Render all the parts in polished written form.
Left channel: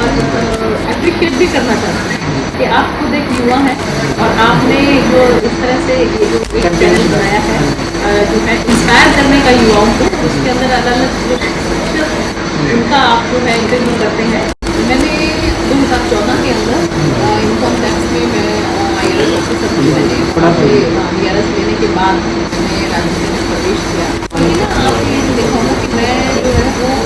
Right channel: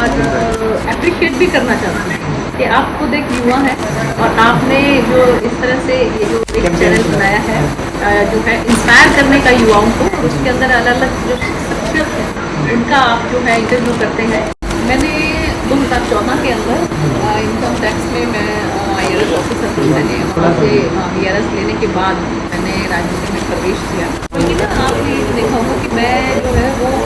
और अप्रिशिएट भी करना चाहते हैं कि आप खुद एक युवा हैं और आपने जो इस तरह से ये जो एक चैनल बनाया है जो है इंस्पायर करने का युवाओं को, उसके अंदर अलग अलग जो शख्सियत हैं उनका आप जो है इंटरव्यू करते हैं। मैंने 2014 के अंदर इनकम टैक्स में मैं IRS ऑफिसर थी। मैंने वहाँ से IRS लेने के बाद मैंने राजनीति में प्रवेश किया। क्योंकि ना आपने ये देखा होगा कि मैं जो है वो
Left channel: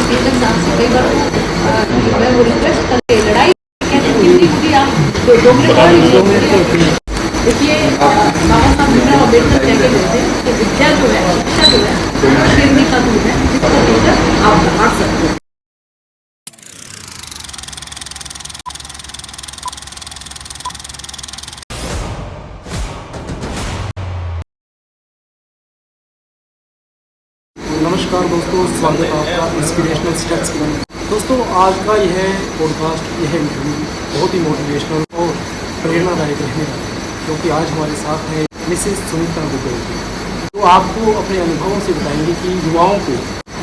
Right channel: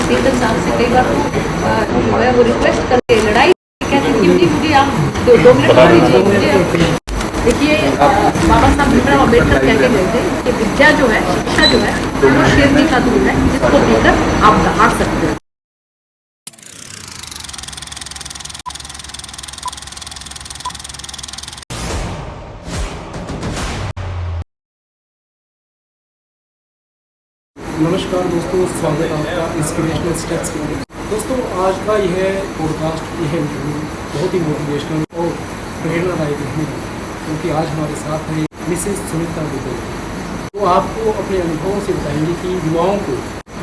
स्पीकर साहब से कई बार तो जो है वो रिक्वेस्ट करके लड़ाई कहते कि नहीं मुझे आप 2 मिनट और दीजिए। देखिए बाबा साहब भीमराव अम्बेडकर कह के गए थे कि विद्या जो है, शिक्षा जो है वो शेरनी का दूध है जिसको पीकर आप दहाड़ सकते हैं। नमस्कार दोस्तों, स्वागत है आपका इंस्पिरेशनल स्टेप्स के अंदर। दोस्तों आज का यह पॉडकास्ट, यह इंटरव्यू बहुत ही मोटिवेशनल और प्रेरणादायक रहने वाला है, क्योंकि आज हमारे साथ हैं मिसेस सुनीता दुग्गल। तो आपको अपने अनुभवों से बताएंगे कि युवाओं को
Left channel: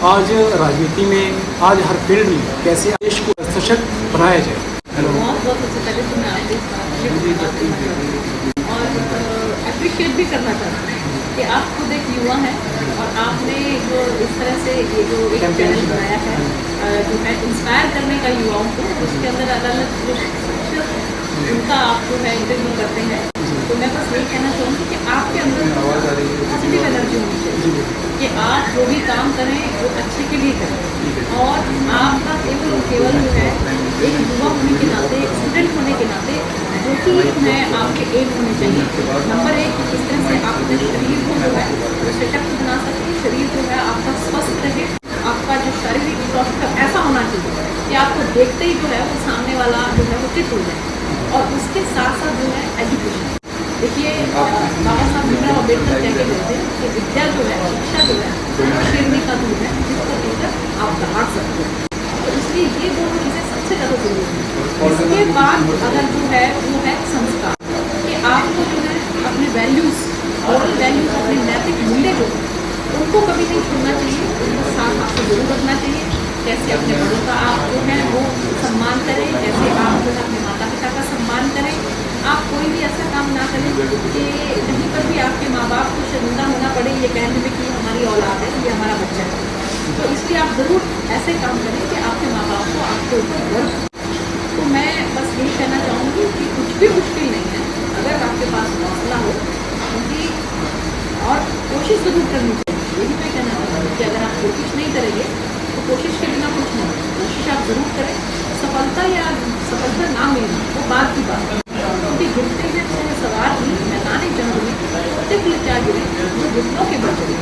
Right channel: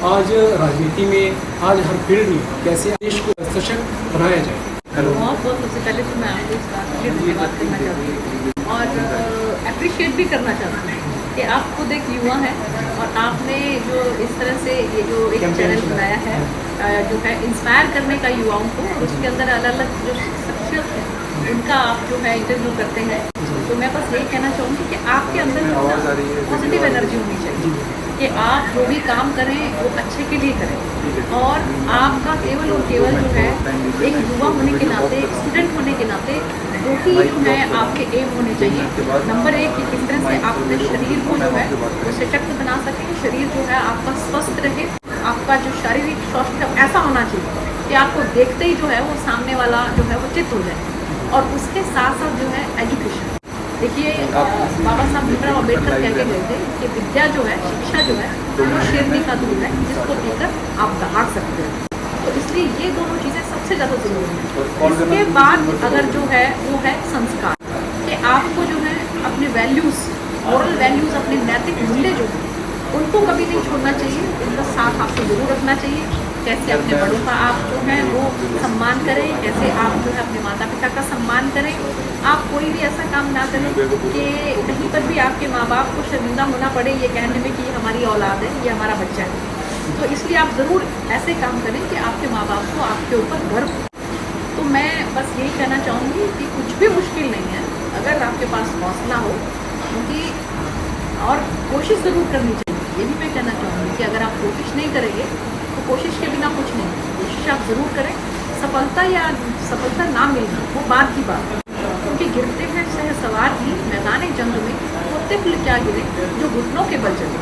आज राजनीति में, आज हर फील्ड में कैसे देश को सशक्त बनाया जाए। बहुत बहुत सबसे पहले तो मैं आपको इस बात के लिए धन्यवाद करना चाहती हूँ और अप्रिशिएट भी करना चाहती हूँ कि आप खुद एक युवा हैं और आपने जो इस तरह से ये जो एक चैनल बनाया है जो है इंस्पायर करने का युवाओं को, और उसके अंदर अलग अलग जो शख्सियत हैं उनका आप जो है इंटरव्यू करते हैं। तो मैं बस यही कहना चाहूँगी कि आपके अंदर पॉजिटिव एनर्जी होनी चाहिए कि आप जो भी काम करें वो अच्छे के लिए करें, और आपका केवल और केवल जो है एक युवा होने के नाते, स्टूडेंट होने के नाते जो कि है आपके एम होने चाहिए। नंबर 1 कि किस तरह से आप अपने शरीर को जो है वो सशक्त बना सकें, शरीर जो है आपका स्वस्थ रहे, आपका जो शारीरिक स्वास्थ्य ऐसा होना चाहिए कि आपको देखते ही जो है वो सामने वाला जो है वो चित्त हो जाए। और उसके साथ साथ जो है एजुकेशन। देखिए बाबा साहब भीमराव अम्बेडकर कह के गए थे कि विद्या जो है, शिक्षा जो है वो शेरनी का दूध है जिसको पीकर आप दहाड़ सकते हैं। तो इसलिए ये दोनों चीज़ें सबसे ज़्यादा जरूरी हैं। इसके बाद अगर जो है वो है संस्कार, कि आपको जो है अपने वैल्यूज़, मॉरल वैल्यूज़, अपने नैतिक मूल्य जो उनको कभी नहीं छोड़ना चाहिए, उनका साथ आपको जरूर रखना चाहिए। कैसे अपने बड़ों का आप जो है वो सम्मान करें, कैसे आप जो है अपने माता पिता का सम्मान करें। आप कोई भी ऐसा काम ना करें कि कहीं पर भी आपके माँ बाप को शर्मिंदा होना पड़े ये कहने में कि हमारी औलाद है, ये हमारा बच्चा है। तो इसलिए आप ज़रूर ऐसे काम करें कि आपके माँ बाप को आपके ऊपर गर्व हो। तो मैं बस यही कहना चाहूँगी कि कुछ भी मुश्किल नहीं है अगर आपके पास हौसला हो, क्योंकि और कोशिश ज़रूर करनी चाहिए। ये भी मैं कहना चाहूँगी कि अगर आप कोशिश नहीं करेंगे तो कोशिश के बिना कुछ नहीं। कोशिश आप ज़रूर करें, सफलता या सफलता ना मिलना वो बात की बात है, क्योंकि गिरते हैं सह सवार ही मैदान जंग में, वो तिफल क्या गिरे जो घुटनों के बल चले।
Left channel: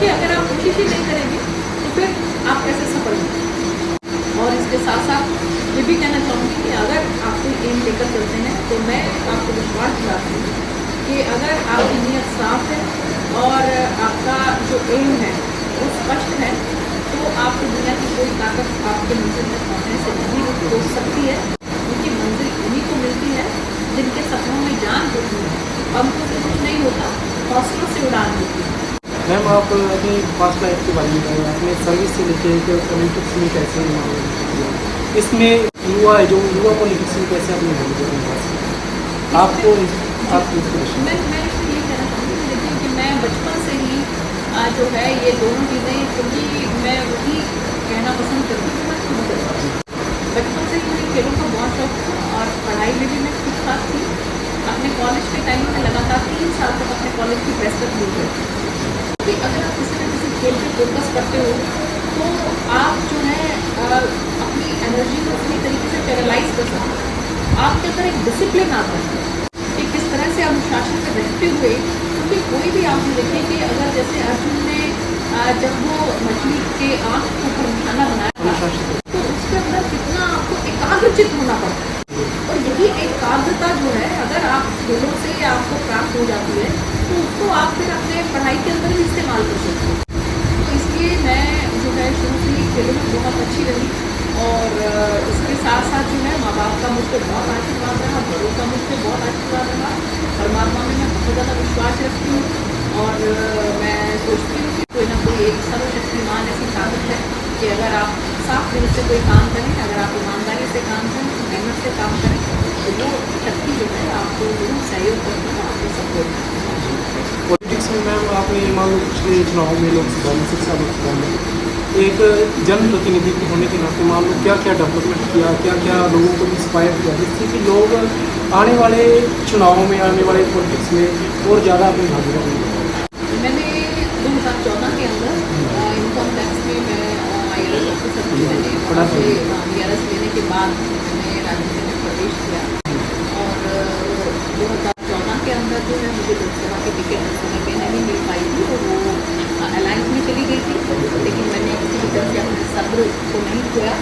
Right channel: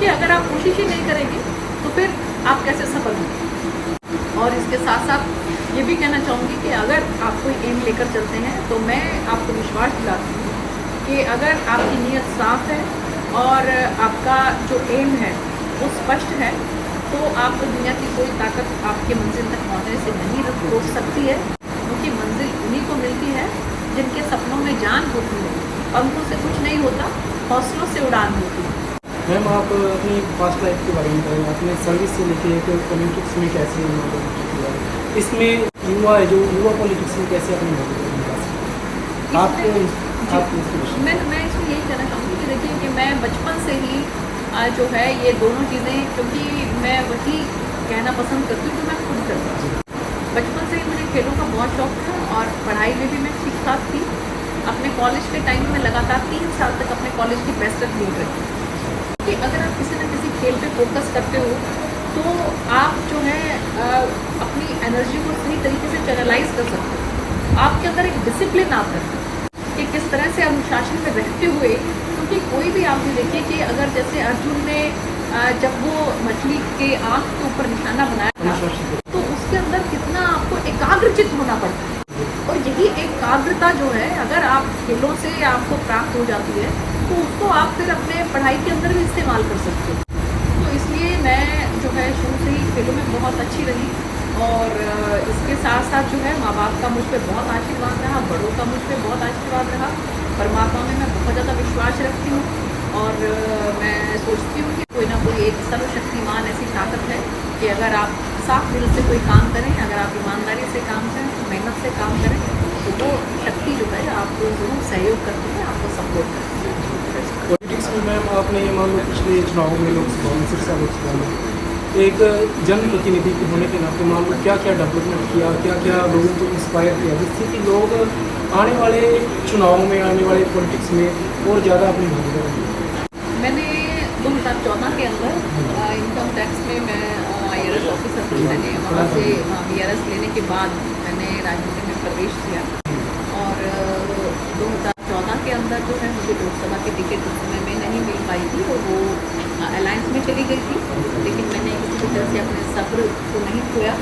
कि अगर आप कोशिश ही नहीं करेंगे तो फिर आप कैसे सफल होंगे। और इसके साथ साथ ये भी कहना चाहूँगी कि अगर आप कोई एम लेकर चलते हैं तो मैं आपको विश्वास दिलाती हूँ कि अगर आपकी नीयत साफ है और आपका जो एम है वो स्पष्ट है तो आपको दुनिया की कोई ताकत आपके मंजिल तक पहुँचने से नहीं रोक सकती है, क्योंकि मंजिल उन्हीं को मिलती है जिनके सपनों में जान होती है, पंखों से कुछ नहीं होता, हौसलों से उड़ान होती है। मैम आप अपनी पास्ट लाइफ के बारे में बताइए, आपने सर्विस से लेके पॉलिटिक्स में कैसे मामला किया, इसमें युवा पॉलिटिक्स में कैसे अपनी भूमिका आपको आप मैं इसमें यही कहना चाहूँगी कि देखिए कि मैं बचपन से ही जो है ये दोनों चीज़ें, क्योंकि मैं वही कहना पसंद करती हूँ जो मैं खुद करती हूँ। बचपन से ही मुझे खेलों का बहुत शौक था और पढ़ाई में भी मैं ठीक ठाक थी। अपने कॉलेज के टाइम में मैं लगातार 3 साल तक अपने कॉलेज की बेस्ट तक लीड रही। क्योंकि अगर आप किसी न किसी खेल पे फोकस करते हो तो आप जो है अपनी एनर्जी को सही तरीके से चैनलाइज कर सकते हो। आपके अंदर एक डिसिप्लिन आता है कि किस तरह से अनुशासन में रहते हुए, क्योंकि कोई भी आप जो देखिए कि अगर जैसे अर्जुन ने जब वो मछली के आँख के ऊपर निशाना बनाया था तो उसके अंदर कितना आपको एकाग्रचित होना पड़ता है। और यही एकाग्रता जो है अगर आप खेलों से आपको प्राप्त हो जाती है तो उसको आप फिर अपने पढ़ाई के अंदर भी इस्तेमाल कर सकते हो। तो इसलिए मैं जो है शुरू से ही खेलों में बहुत अच्छी रही, और इसके साथ साथ जो है माँ बाप का मुझ पर बहुत आशीर्वाद रहा, बड़ों का मुझ पर बहुत आशीर्वाद रहा। परमात्मा में मैं बहुत ज़्यादा विश्वास रखती हूँ और मैं सोचती हूँ कि कोई ना कोई एक सर्वशक्तिमान ऐसी ताकत है कि अगर आप साफ दिल से कोई काम करें, अगर आप ईमानदारी से काम करें, मेहनत से काम करें, तो वो शक्ति जो है आपको जरूर सहयोग करती है, आपको सपोर्ट करती है। पॉलिटिक्स में मैम आपने मान लो पिछले चुनाव में लोकसभा में, शिक्षा लोकसभा में एक जनप्रतिनिधि होने के नाते मान लो क्या क्या डेवलपमेंट किया, क्या क्या लोगों को इंस्पायर किया, जिससे कि लोग आने वाले चुनावों में, आने वाले पॉलिटिक्स में और ज़्यादा अपनी भागीदारी देंगे। मैंने 2014 के अंदर इनकम टैक्स में मैं IRS ऑफिसर थी। मैंने वहाँ से VRS लेने के बाद मैंने राजनीति में प्रवेश किया और 2014 के अंदर जो है मुझे लोकसभा की टिकट उस समय में नहीं मिल पाई थी और वो अलायंस में चली गई थी, लेकिन मैंने किसी भी तरह से अपने सब्र को नहीं खोया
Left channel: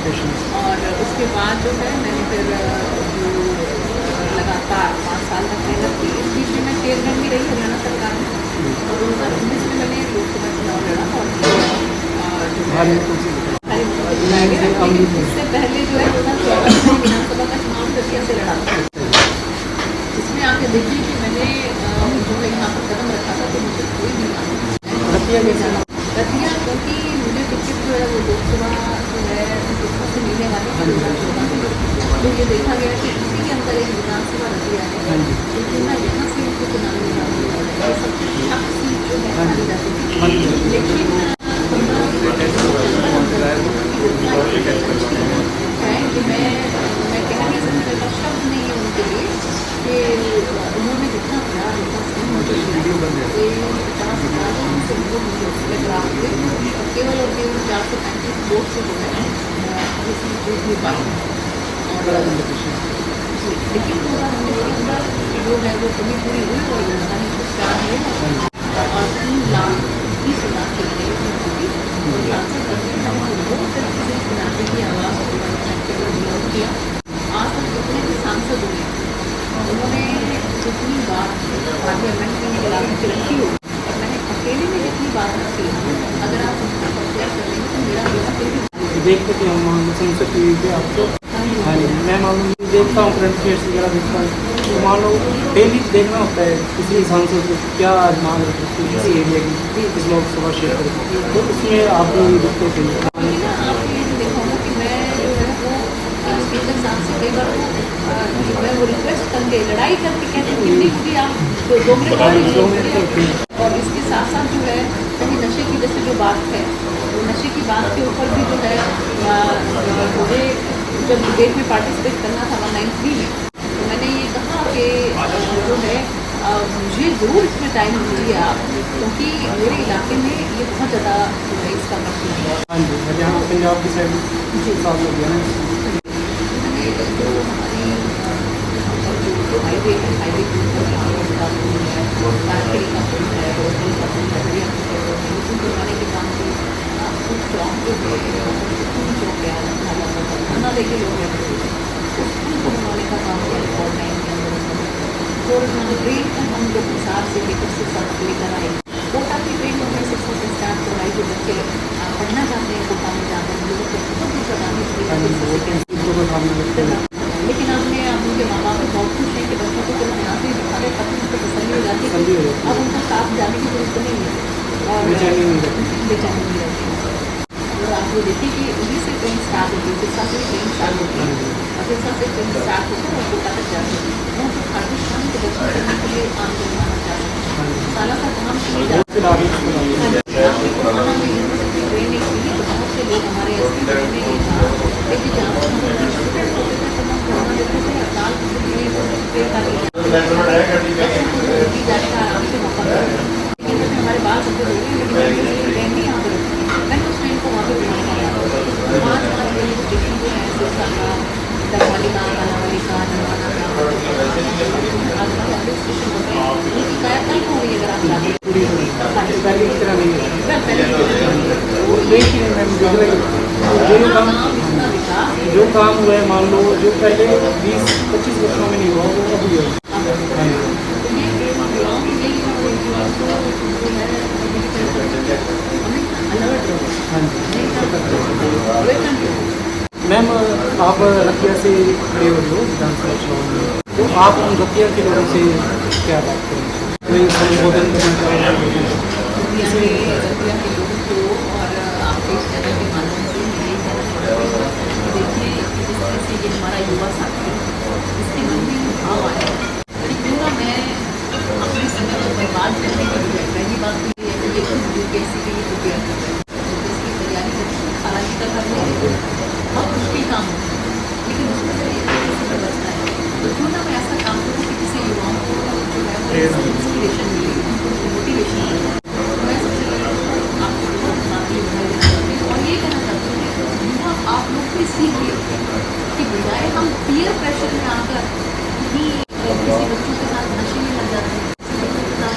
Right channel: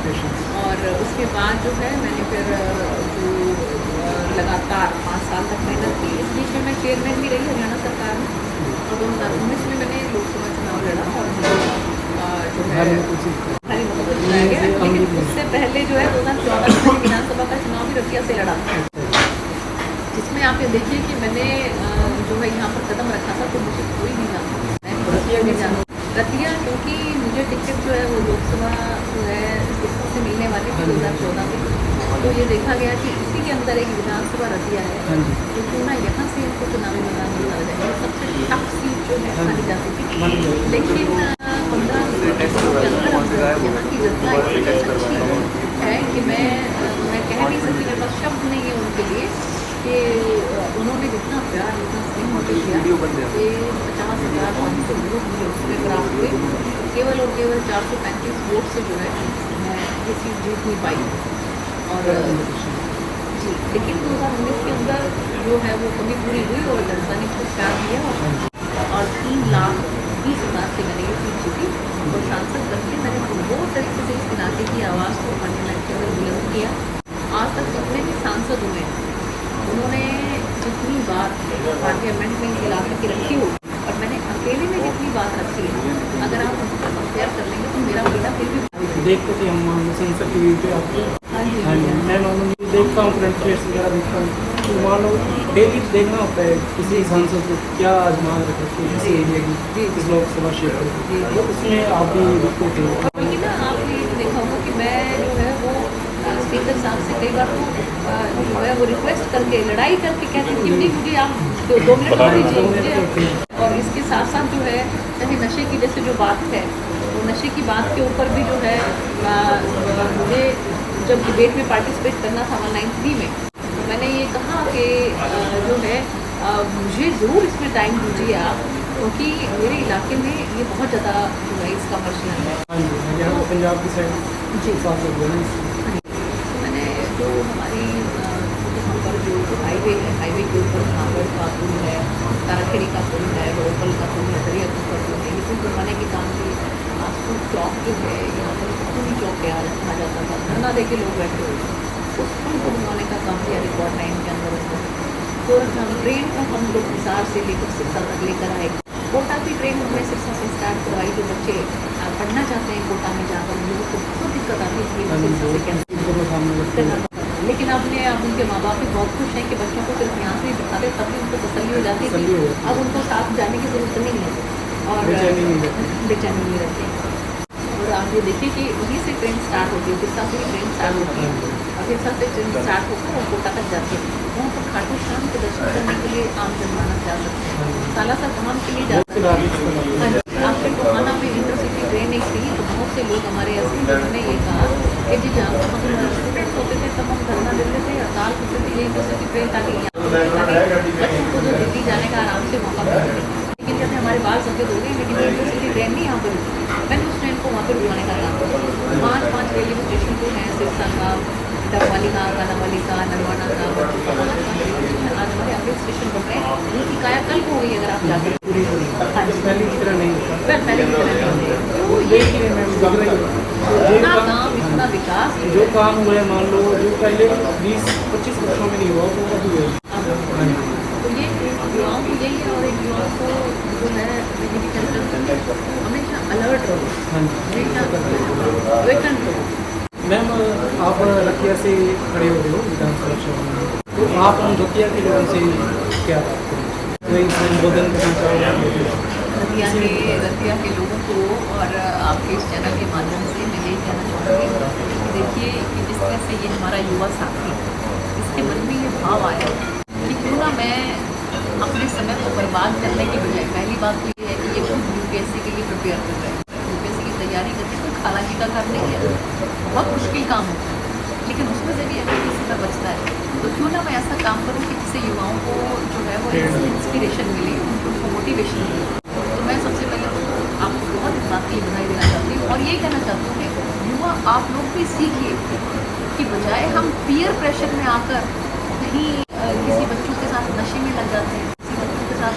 और उसके बाद जो है मैंने फिर जो लगातार 5 साल तक मेहनत की। इस बीच में मैं चेयरमैन भी रही हरियाणा सरकार में और 2019 में मैंने लोकसभा चुनाव लड़ा और मुझे जो है भारी मतों से जिताया गया। लेकिन उससे पहले जो है 2014 में मैंने विधानसभा का चुनाव भी रतिया से लड़ा था, जिसमें आप ये देखिए कि मैंने जो है यहाँ पर कदम रखा था तो मुझे कोई नहीं जानता, मैं रतिया में जाना रतिया, क्योंकि मुझे टिकट जो है वो लोकसभा जो है किसकों से मिलने वाली थी 2014 में। तो ये देखा गया कि इसी के अंदर एक विधानसभा रतिया है, तो क्यों ना यहाँ से इनको चुनावी मैदान में उतारा जाए। ये सबसे टफ सीट जो है मानी जाती थी, लेकिन 15 दिनों के अंदर अंदर यहाँ की व्यवस्था इतनी अच्छी है कि मैं कह नहीं सकती, मेरे पास शब्द नहीं है उनके लिए कि उन्होंने जितना प्यार इतना स्नेह मुझे दिया कि 50,500 वोट मुझे उसमें प्राप्त हुए और केवल 435 वोट से जो है मैं ये चीज़ जीत नहीं पाई। और जी, लेकिन 2019 के अंदर जो है वो कमी पूरी हुई और जनता ने खूब प्यार दिया और 3,30,000 से मैंने ये चीज़ जीती और सांसद बन के मैंने पूर्ण तरीके से इस इलाके की आवाज़ को पार्लियामेंट के अंदर बुलंद किया। आज तक जितने भी सांसद हुए उन्होंने जितनी बात पार्लियामेंट में इस इलाके की रखी हो और मैंने अकेले में जितनी बात रखी है, अगर आप उससे कंपेयर कर लेंगे तो मेरा बेटा फिर भी भारी देखते थे हम मान लो संसद टी वी पे आपको। हाँ जी, मैं मान लो देखता हूँ, करंट अफेयर्स वगैरह देखता हूँ, तो मान लो डेली देखना होता है किसी सांसद को क्या मांग रख रखती है किसी एरिया की, इस लोकसभा क्षेत्र की, तो उसमें आपको दिखते थे। बल्कि ना आपने ये देखा होगा कि मैं जो है वो स्पीकर साहब से कई बार वो जो है वो रिक्वेस्ट करके लड़ाई करके कहती हूँ कि नहीं मुझे आप 2 मिनट और दीजिए। और इसके साथ साथ जो है कहीं नशे की जैसे जो बात है, वो नशे की बात के ऊपर भी जो है मुझे जब डिबेट में पार्टिसिपेट करना था 193 में, तो मैंने ये कहा कि जो है मुझे ज़रूर इसमें टाइम दीजिए आप, क्योंकि मेरे इलाके में ये बहुत ज़्यादा जो है इसका प्रचलन है। हाँ जी, हरियाणा पंजाब की साइड जी साथ लग गया ना। मैंने जो हमारी यहाँ पर जो हाईवे है, हाईवे के ऊपर कांगड़ का पुल है, तारखेड़ी का पुल है, रोकल का पुल है, दरियापुर का पुल है, ये पुल बनवाने के काम की पुल चौक जो है यहाँ पर पुली चौक कहा जाता था, धरना दे के लोग रहते हुए उस पुल को बनवाने का काम किया रिकॉर्ड टाइम के अंदर। और हम ट्रेन का हम लोग हिसाब से लेकर शिक्षा तक लेकर आए। कोटा की ट्रेन हमने शिक्षा से स्टार्ट करवाई, जो बच्चे पढ़ना चाहते हैं कोटा में जाकर लोगों को बहुत दिक्कत आती थी, लेकिन आपने अब उनके माँ बाप भी बहुत खुश हैं कि बच्चों को सिर्फ यहाँ से ही बैठा दे, तभी उनको तसल्ली हो जाती है। अब उनको साथ जाने की ज़रूरत नहीं है और बेचैनी नहीं रहती। और आप ये देखिए कि वहीं से ट्रेन स्टार्ट होती है, सिरसा से भी ट्रेन स्टार्ट होती है और सिरसा से ट्रेन स्टार्ट होकर और कोटा तक जाती है। वहाँ पर खाटू श्याम के दर्शन करने के लिए आम जनमानस जा सकते हैं, सालासर धाम के लिए जा सकते हैं। आपके कोहाना में इंटरसिटी ट्रेन एक थी, तो बहुत से लोग हमारे असली लोगों ने ये कहा कि जी जहाँ पर हम स्टूडेंट होते थे तब हम धरना देते थे, अकाल होते थे, इंटरसिटी ट्रेन ताकि बच्चों को जो दिल्ली जाने का आराम से मौका मिले। लेकिन जैसे हमारे बाल सफेद हो गए, लेकिन इंटरसिटी ट्रेन नहीं यहाँ पर रुकी। मैंने उस ट्रेन को वहाँ पर रुकवाने का काम किया। 5 रेलवे स्टेशन जो हैं, सिरसा का, डबवाली का, कालावाली का, नरवाना का, 5 रेलवे स्टेशन आज हमारे अमृत स्टेशन बन रहे हैं, उनकी कायाकल्प हो गई अगर आप जाकर पहले की तरह नहीं है, पहले की तरह नहीं है। तो इतना काम, इतना विकास जो काम हुआ है, मान लो जो पहले 20-25 वर्षों में नहीं हुआ वो अब हुआ है। तो ये युवाओं को यही है, और एक युवाओं को जो है ये भी कहते हैं हमेशा अलर्ट रहो, हमेशा वेकन रहो। मैम आप रतिया से खड़े हो रहे हो विधानसभा चुनाव में, तो आप उन रतिया के लोगों से क्या बात करेंगे? कोई संबोधन करना चाहोगे? दतिया के लोगों को और आपके इस चैनल के माध्यम से मैं यही कहना चाहूँगी कि देखिए कि जिस तरह से ये हमारा युवा साथी इसके मन में ये भाव आया कि क्यों ना मैं अपने समय को बर्बाद करने की बजाय, पहली बात तो ये है कि ये खुद यूपीएससी के लिए प्रिपेयर कर रहे हैं। यूपीएससी की तैयारी करती कोई खालाजी का काम नहीं है, बहुत मुश्किल काम होता है, लेकिन उसमें जब ये समय बचता है तो क्यों ना मैं ऐसा काम करूँ कि जिससे युवाओं को जो है वो इंस्पिरेशन मिले, उनको मोटिवेशन मिले। तो मैं सबसे पहले तो आपको बहुत इस बात के लिए बधाई देना चाहती हूँ और ये कहना चाहती हूँ कि युवा आप लोग भी सीखिए कि बजाय हम पीयर प्रेशर में आकर कहीं किसी बच्चों के साथ नशे में लग जाते हैं, किसी बच्चों के साथ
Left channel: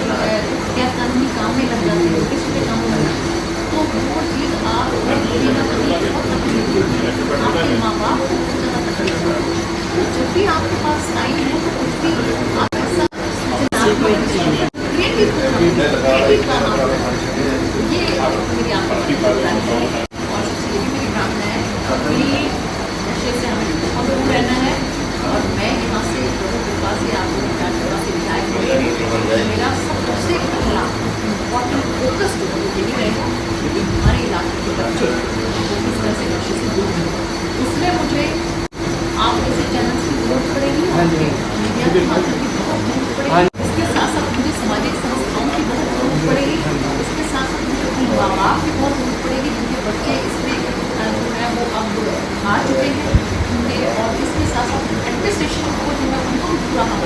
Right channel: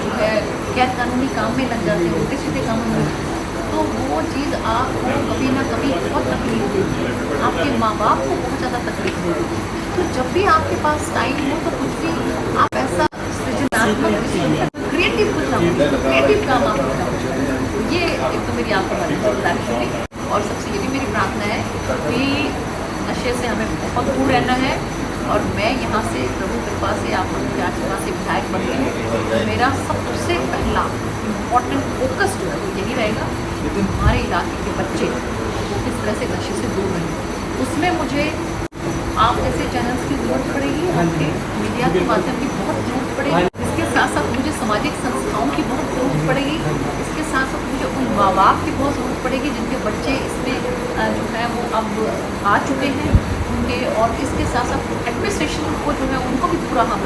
जो है गैर कानूनी काम में लग जाते हैं, उल्टे सीधे कामों में लग जाते हैं, तो वो चीज़ आपको कभी ना कभी बहुत तकलीफ देगी, आपके माँ बाप को बहुत ज़्यादा तकलीफ होगी। तो जब भी आपके पास टाइम हो तो कुछ भी आप ऐसा सृजनात्मक क्रिएटिव कुछ क्रिएटिव काम आप करें। ये एक तो मेरी आपके बारे में गुजारिश होगी और सबसे ये भी मेरी प्रार्थना है कि नशे से हमें बहुत दूर रहना है और मैं यहाँ से प्रभु कृपा से आप लोगों के आशीर्वाद से विधायक बन गई हूँ। मेरा सबसे पहला इम्पॉर्टेंट फोकस जो है वो यही रहेगा कि हमारे इलाके के बच्चे वो किस तरह से नशे से दूर रहें। उसमें मुझे आप जैसे चैनल्स की ज़रूरत पड़ेगी, आपके मीडिया के माध्यम की बहुत ज़रूरत पड़ेगी। इसके साथ साथ मुझे सामाजिक संस्थाओं की बहुत ज़रूरत पड़ेगी। इसके साथ साथ मुझे उन माँ बाप की बहुत ज़रूरत पड़ेगी जिनके बच्चे इसमें जो है वो अब आ चुके हैं उनके, और इसके साथ साथ एडमिनिस्ट्रेशन को जो है उनको भी पूरा हम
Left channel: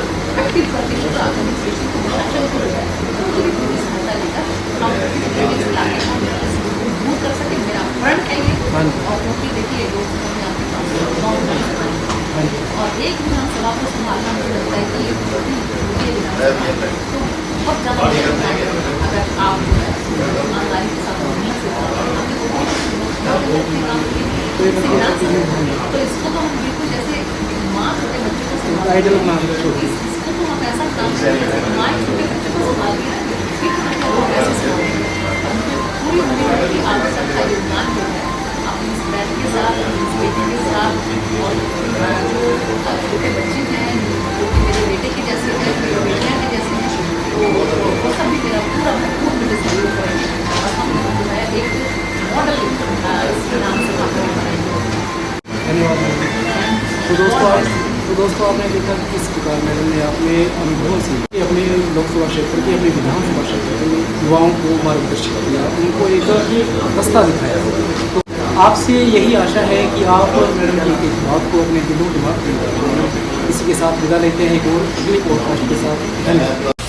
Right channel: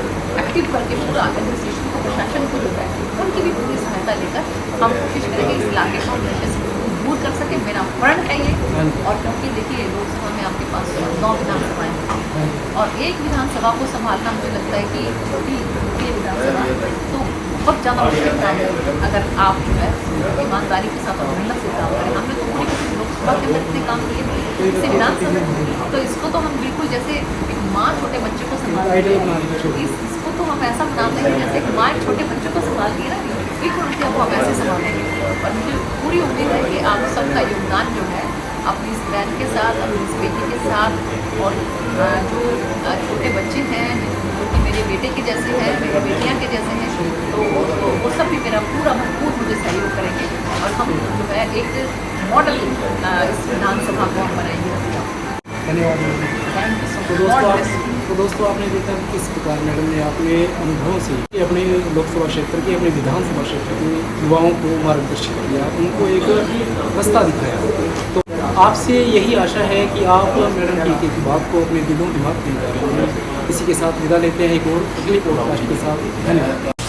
एक्टिव करके पूरा एडमिनिस्ट्रेशन को, प्रशासन को जो है उनकी भी पूरी सहायता लेकर हम किस तरह इस इलाके को दूर कर सके। मेरा प्रण है ये। और क्योंकि देखिए लोकसभा में आपके पास 9 विधानसभाएँ हैं और एक विधानसभा को संभालना मुझे लगता है कि छोटी विधानसभा तो बहुत ज़्यादा मुश्किल काम है अगर आप जो है ईमानदारी के साथ और मेहनत से काम करें। हमने तो लोकसभा के अंदर इतने काम किए इससे विधानसभा, तो इसको तो हम बिल्कुल जैसे एक माँ छोटे बच्चे को संभालती है, इसको तो हम ऐसा बना देंगे जैसे एक माँ एक छोटे बच्चे को संभालती है ना, बिल्कुल को हम ऐसे संभालेंगे। और मुझे पूरी उम्मीद है कि आप सबका योगदान जो है अपनी इस बहन के साथ, अपनी इस बेटी के साथ और जो छोटे बच्चे हैं जो कि मेरे बेटे के जैसे हैं, मेरी बेटियाँ के जैसे हैं, तो वो सब भी मेरा पूरा भरपूर मुझे सहयोग करेंगे और हम जो है एक मॉडल इस विधानसभा को हम बनाएंगे। धन्यवाद। तो दोस्तों आपने देखा किस प्रकार मैडम ने अपने अनुभव से अपने लोकसभा क्षेत्र के, अपने विधानसभा क्षेत्र के युवाओं को मार्गदर्शित किया, उनको एक रास्ता दिखाया। तो आपसे यही आशा है कि आप मैडम की एक बात को अपने दिलों दिमाग में डालेंगे। इसी के साथ विदा लेते हैं एक और अगले पॉडकास्ट के साथ। धन्यवाद।